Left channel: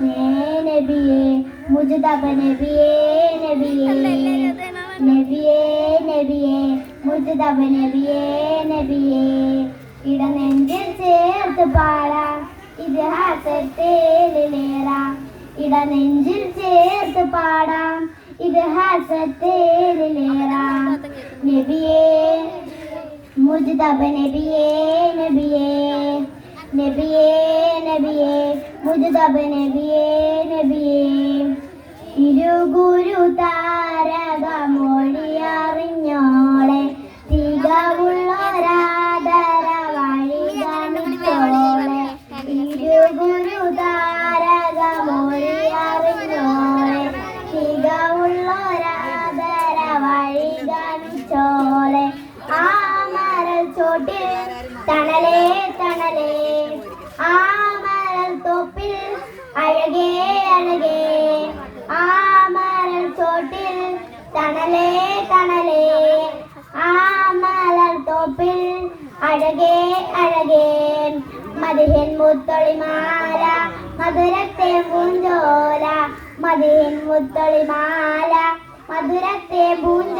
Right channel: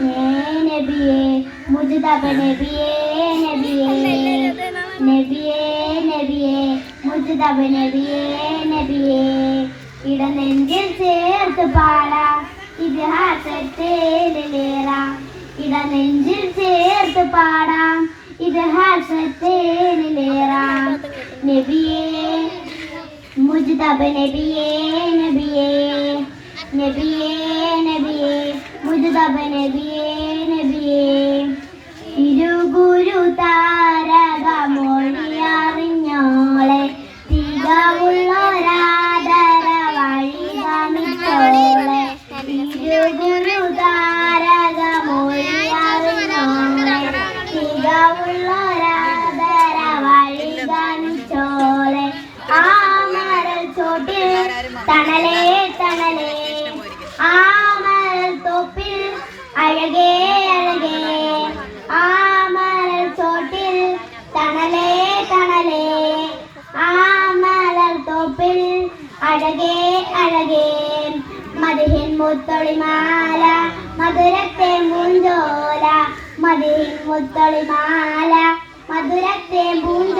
നബിയെ മുജിതബ നബിയെ നബിയെ നബിയെ നബിയെ മുജിതബ നബിയെ നബിയെ. ഇടനെഞ്ചിൽ ചേർത്ത് പാടാം ഇതിഹാസത്തേലിലേറാം ഇടനെഞ്ചിൽ ചേർത്ത് പാടാം ഇതിഹാസത്തേലിലേറാം നബിയെ മുജിതബ നബിയെ നബിയെ. നബിയെ നബിയെ. മുജിതബ നബിയെ. നബിയെ ഇരുഗുരു താരക മൊഴിയറിഞ്ഞോളെ തികവുള്ളൊരാദര വഴി ഗമിച്ചോളെ ഇരുഗുരു താരക മൊഴിയറിഞ്ഞോളെ തികവുള്ളൊരാദര വഴി ഗമിച്ചോളെ ആ മരച്ചോട്ടിൽ തണലേ ചോട്ടിൽ തണലേ തണലേ. ആ മലർ തോപ്പിൽ അഴകേ അഴകേ. മതിഹിൻ മുത്തൊളിമാല മധുരത്തെ പൂഞ്ചോല. മതിഹിൻ മുത്തൊളിമാല മധുരത്തെ പൂഞ്ചോല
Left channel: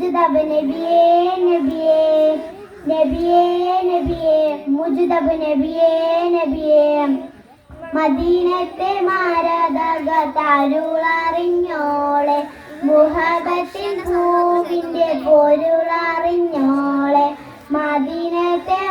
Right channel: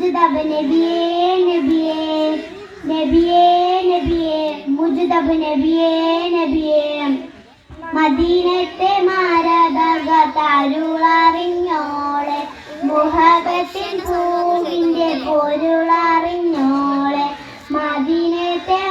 മുജിതബ നബിയേ നബിയേ നബിയേ നബിയേ മുജിതബ നബിയേ നബിയേ. മദീനത്തെ മാരക താരുളറിഞ്ഞോളെ മുഹബത്തിൻ പൂവിന്റെ പൊരുളറിഞ്ഞ